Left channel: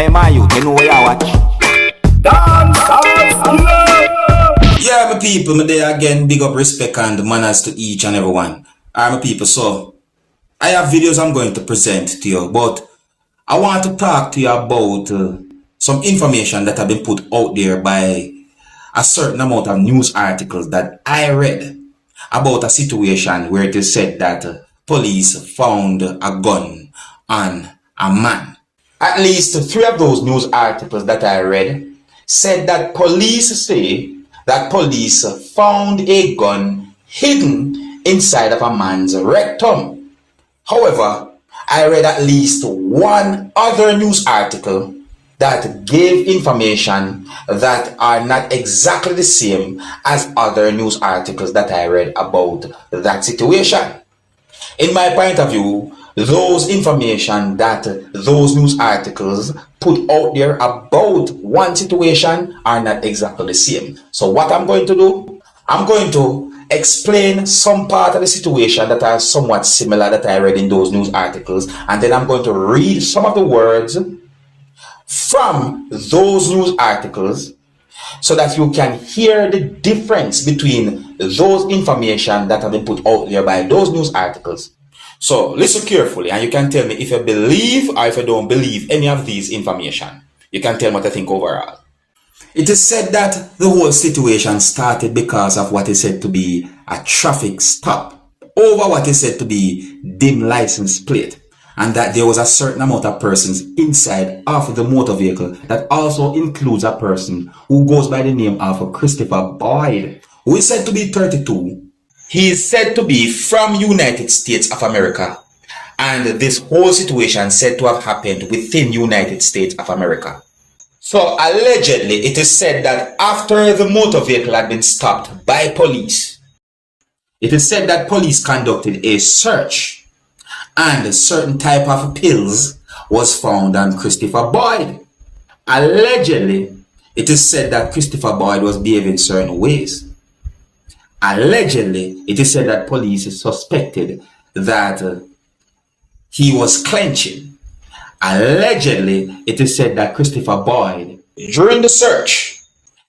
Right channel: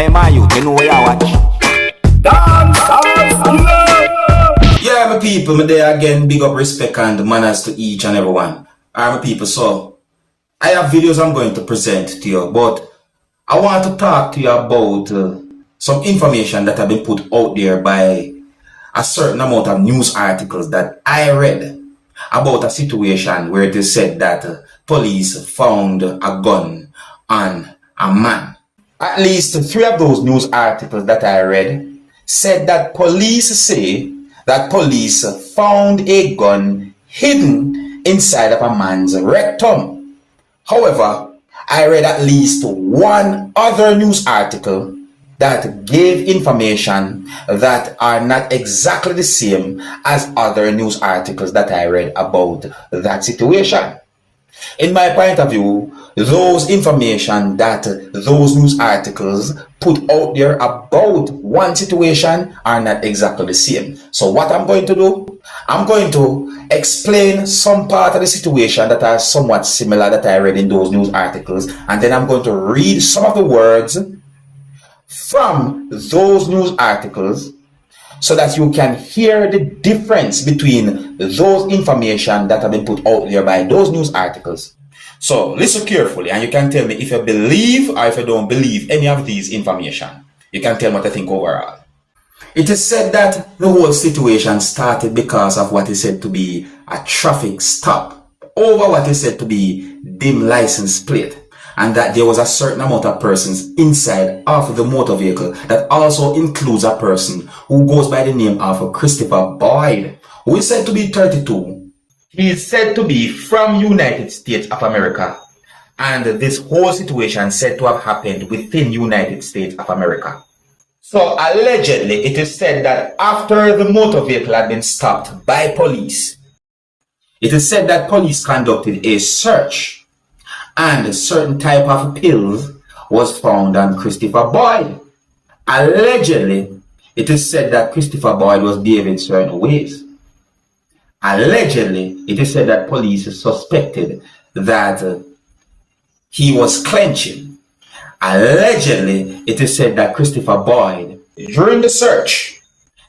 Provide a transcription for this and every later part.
Hey man, you know where you watch? Dancehall skilla. Yeah, my people, me there again. Big up, respect and manners to each and everyone. Alright, my people, so I have videos I'm going to present to you, but I want to talk to you about some information that have been put out there by a certain amount of news articles that I read about a situation where it is said that police found a gun on a man. At least 3 of those news articles that I read said that police say that police found a gun hidden inside of a man's rectum. However, I read at least 1 other news article that gave information that are not exactly the same as other news articles that I read about that situation. In my point of view, those information that those news articles put out there about one situation are not exactly the same. So what I'm going to do, I'm going to explain some part of the situation that are somewhat similar that I read in those news articles, and then I'm going to read some of the words from those news articles so that you can hear the difference between those information that have been put out there by those news articles. So listen carefully and you can tell me if you believe or if you don't believe any of these information. You can tell me what you think overall. It is said that the whole situation started because of what is said to be a traffic stop over what is said to be dim license plate, and that there was a certain amount of persons inside of the motor vehicle that also includes a person who goes by the name of Christopher Boyd, who is said to be 32. He is said to be from United States of America, and this whole situation said to have happened within United States of America. So allegedly, it is said that after the motor vehicle had been stopped by police, it is said that police conducted a search and a certain type of pills was found on Christopher Boyd. Allegedly, it is said that Christopher Boyd was behaving certain ways. Allegedly, it is said that police suspected that he was clenching. Allegedly, it is said that Christopher Boyd, during the search,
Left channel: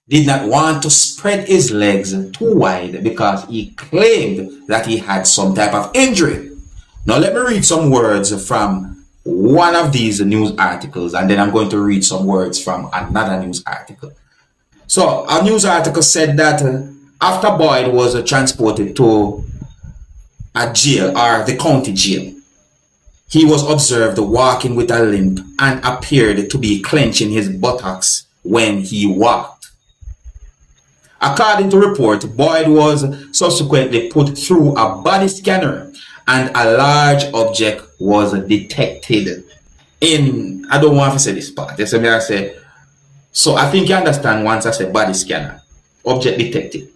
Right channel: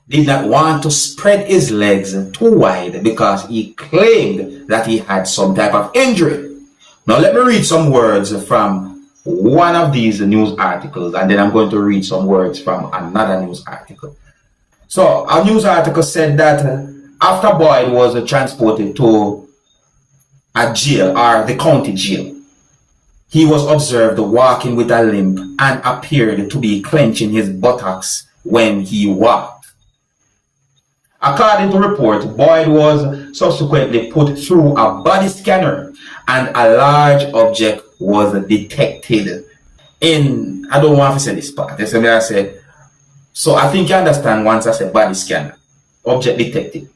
did not want to spread his legs too wide because he claimed that he had some type of injury. Now let me read some words from one of these news articles, and then I'm going to read some words from another news article. So a news article said that after Boyd was transported to a jail, or the county jail, he was observed walking with a limp and appeared to be clenching his buttocks when he walked. According to report, Boyd was subsequently put through a body scanner and a large object was detected in, I don't want to say this part, so I think you understand once I said body scanner, object detected.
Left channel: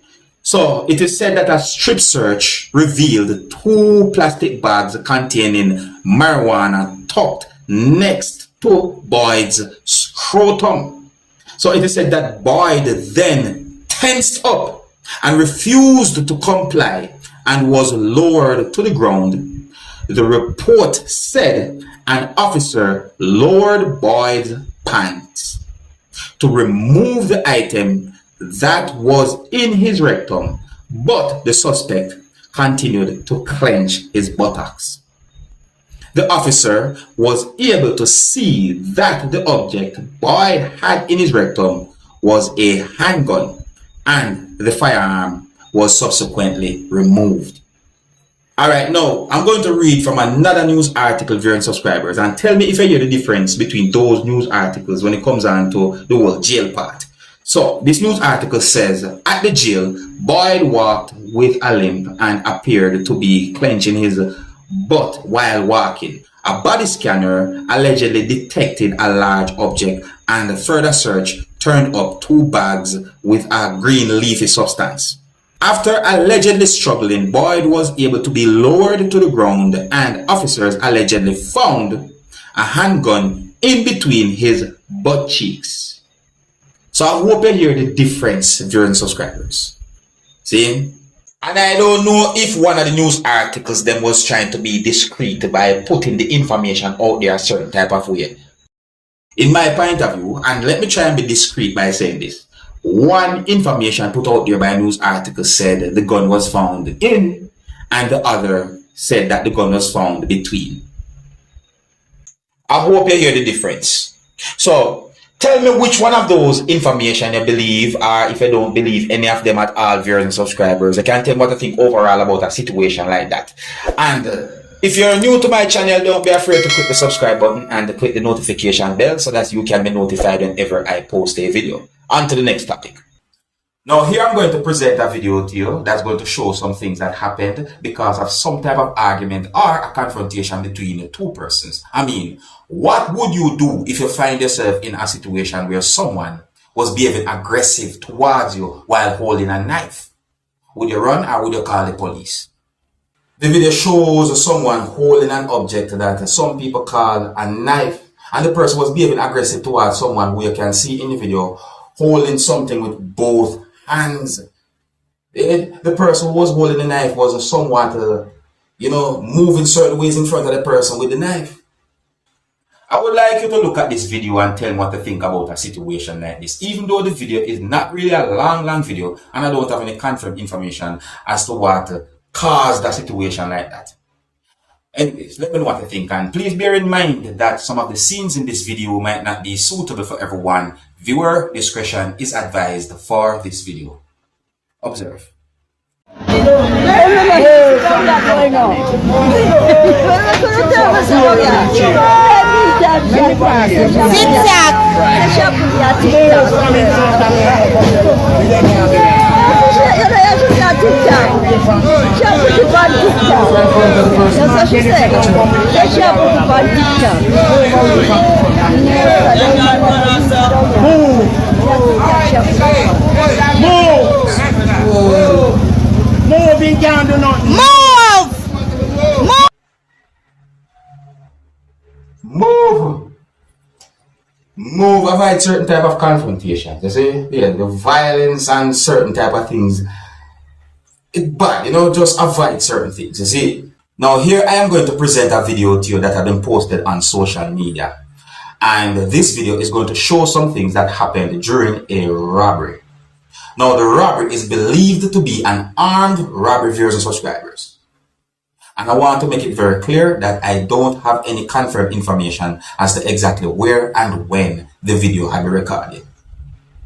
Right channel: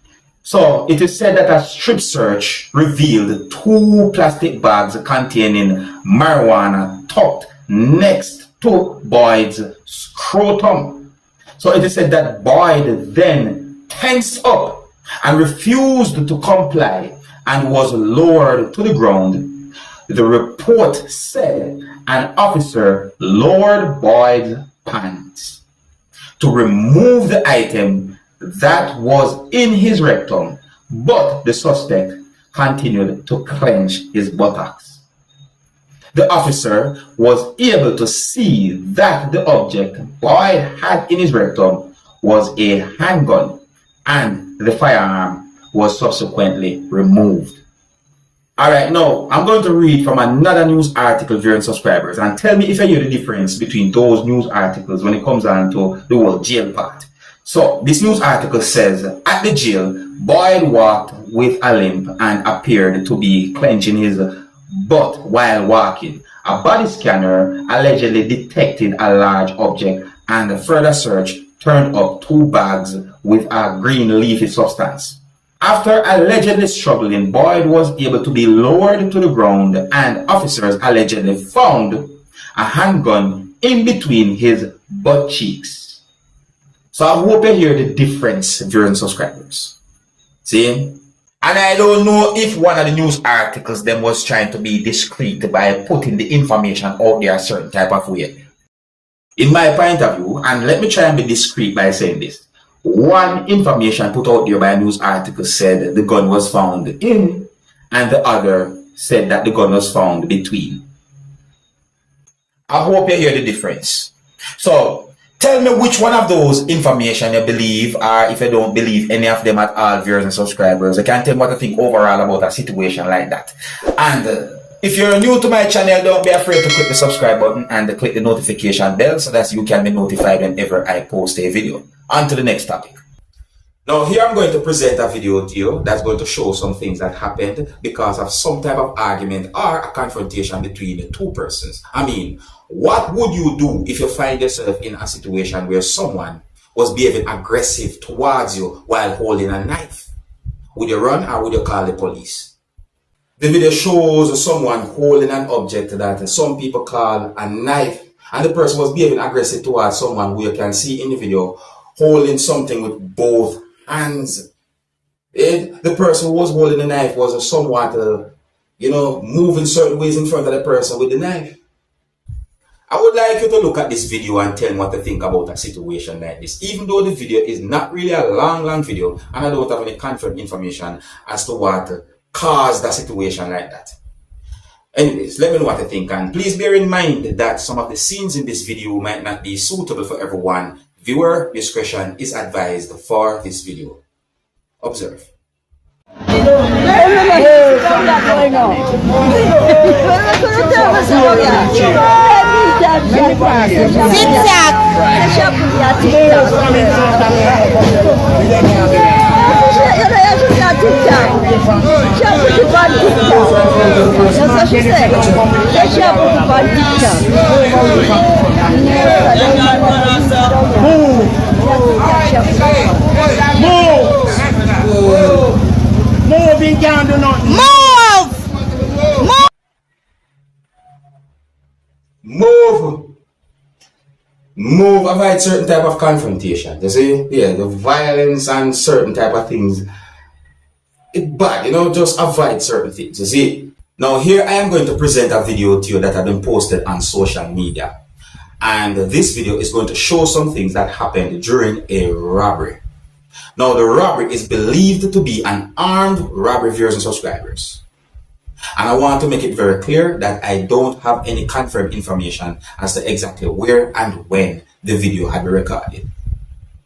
So it is said that a strip search revealed 2 plastic bags containing marijuana tucked next to Boyd's scrotum. So it is said that Boyd then tensed up and refused to comply and was lowered to the ground. The report said an officer lowered Boyd's pants to remove the item that was in his rectum, but the suspect continued to clench his buttocks. The officer was able to see that the object Boyd had in his rectum was a handgun, and the firearm was subsequently removed. Alright, now I'm going to read from another news article, viewers and subscribers, and tell me if you hear the difference between those news articles when it comes on to the whole jail part. So this news article says, at the jail, Boyd walked with a limp and appeared to be clenching his butt while walking. A body scanner allegedly detected a large object, and a further search turned up 2 bags with a green leafy substance. After allegedly struggling, Boyd was able to be lowered to the ground, and officers allegedly found a handgun in between his butt cheeks. So I hope you hear the difference, viewers and subscribers. See? And I don't know if one of the news articles them was trying to be discreet by putting the information out there a certain type of way. In my point of view, and let me try and be discreet by saying this, one information put out there by a news article said the gun was found in, and the other said that the gun was found between. I hope you hear the difference. So tell me which one of those information you believe, or if you don't believe any of them at all, viewers and subscribers. I can tell me what I think overall about a situation like that. And if you're new to my channel, don't be afraid to click the subscribe button and click the notification bell so that you can be notified whenever I post a video. On to the next topic. Now here I'm going to present a video to you that's going to show some things that happened because of some type of argument or a confrontation between two persons. I mean, what would you do if you find yourself in a situation where someone was behaving aggressive towards you while holding a knife? Would you run or would you call the police? The video shows someone holding an object that some people call a knife, and the person was behaving aggressive towards someone who you can see in the video holding something with both hands. The person who was holding the knife was somewhat, moving certain ways in front of the person with the knife. I would like you to look at this video and tell me what to think about a situation like this. Even though the video is not really a long video, and I don't have any confirmed information as to what caused a situation like that. Anyways, let me know what you think, and please bear in mind that some of the scenes in this video might not be suitable for everyone. Viewer discretion is advised for this video. Observe. Move, avoid certain type of confrontation. You see? Yeah, the violence and certain type of things. It's bad, just avoid certain things. You see? Now here I am going to present a video to you that have been posted on social media. And this video is going to show some things that happened during a robbery. Now the robbery is believed to be an armed robbery, viewers and subscribers. And I want to make it very clear that I don't have any confirmed information as to exactly where and when the video had been recorded.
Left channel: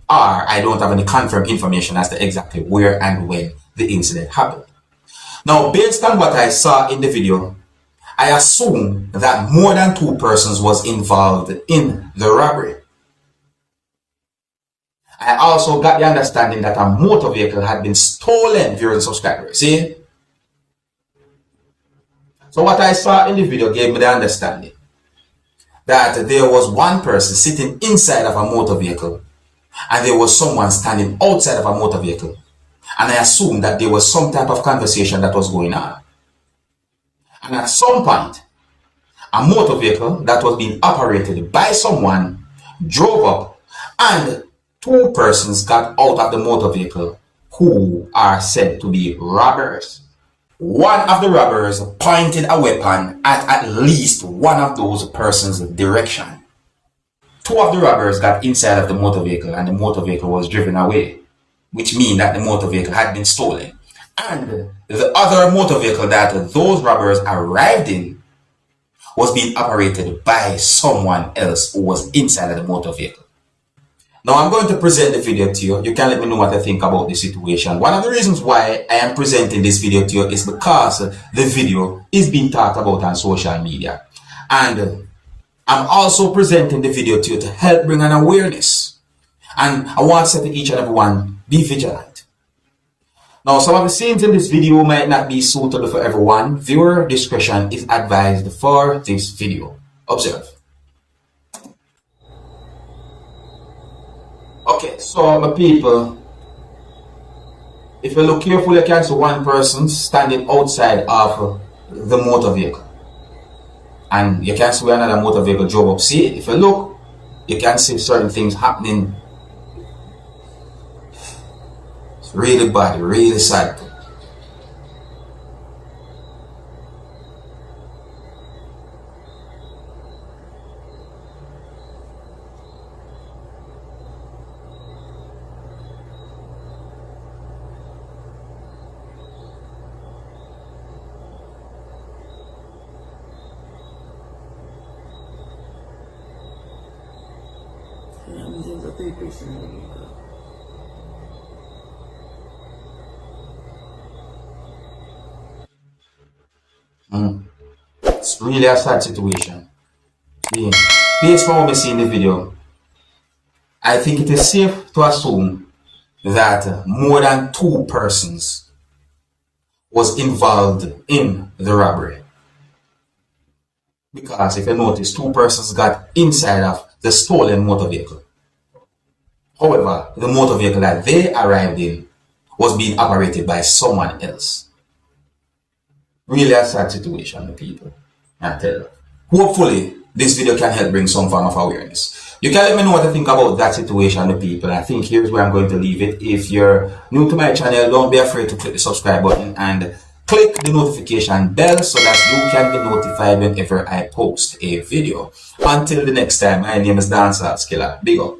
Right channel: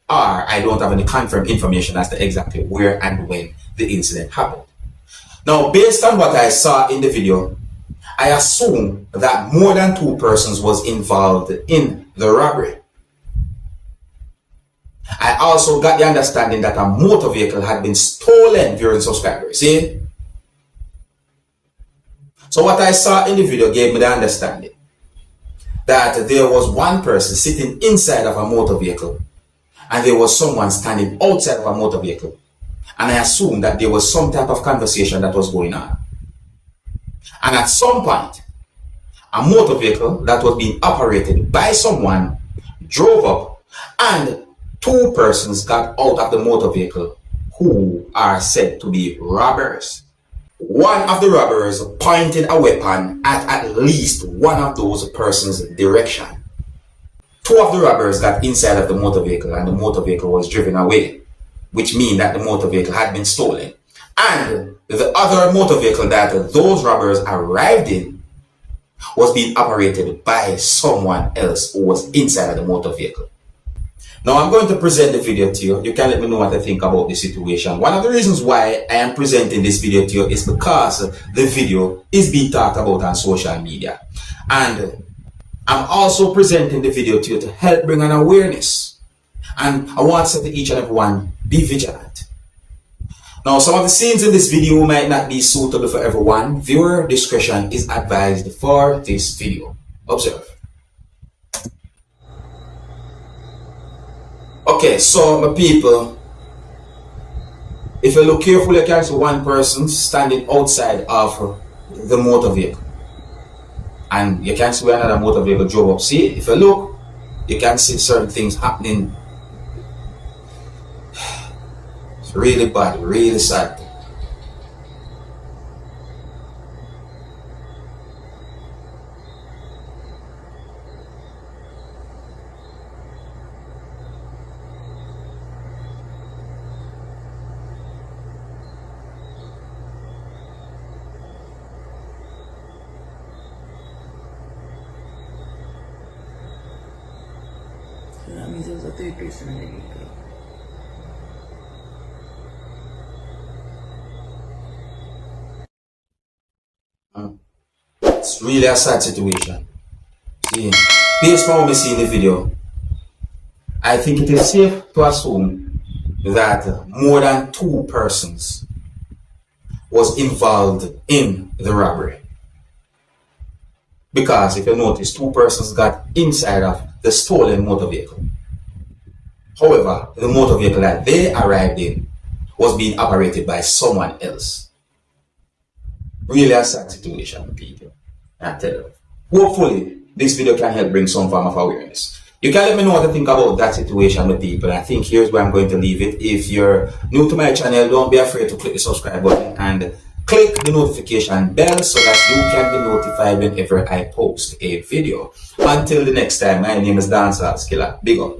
Or I don't have any confirmed information as to exactly where and when the incident happened. Now, based on what I saw in the video, I assume that more than two persons was involved in the robbery. I also got the understanding that a motor vehicle had been stolen, viewers and subscribers. See? So what I saw in the video gave me the understanding that there was one person sitting inside of a motor vehicle and there was someone standing outside of a motor vehicle. And I assumed that there was some type of conversation that was going on. And at some point, a motor vehicle that was being operated by someone drove up and two persons got out of the motor vehicle who are said to be robbers. One of the robbers pointed a weapon at least one of those persons' direction. Two of the robbers got inside of the motor vehicle and the motor vehicle was driven away, which means that the motor vehicle had been stolen. And the other motor vehicle that those robbers arrived in was being operated by someone else who was inside of the motor vehicle. Now I'm going to present the video to you. You can let me know what I think about the situation. One of the reasons why I am presenting this video to you is because the video is being talked about on social media. And I'm also presenting the video to you to help bring an awareness. And I want to say to each and everyone, be vigilant. Now some of the scenes in this video might not be suitable for everyone. Viewer discretion is advised for this video. Observe. Okay, so my people, if you look carefully, you can see one person standing outside of the motor vehicle. And you can see where another motor vehicle drove up. See, if you look, you can see certain things happening. It's really bad, really sad. This is a third person vehicle. It's really a sad situation. See, based on what we see in the video, I think it is safe to assume that more than 2 persons was involved in the robbery. Because if you notice, 2 persons got inside of the stolen motor vehicle. However, the motor vehicle that they arrived in was being operated by someone else. Really a sad situation, people. I tell you. Hopefully, this video can help bring some form of awareness. You can let me know what you think about that situation, people. I think here's where I'm going to leave it. If you're new to my channel, don't be afraid to click the subscribe button and click the notification bell so that you can be notified whenever I post a video. Until the next time, my name is Dancehall Skilla. Big up.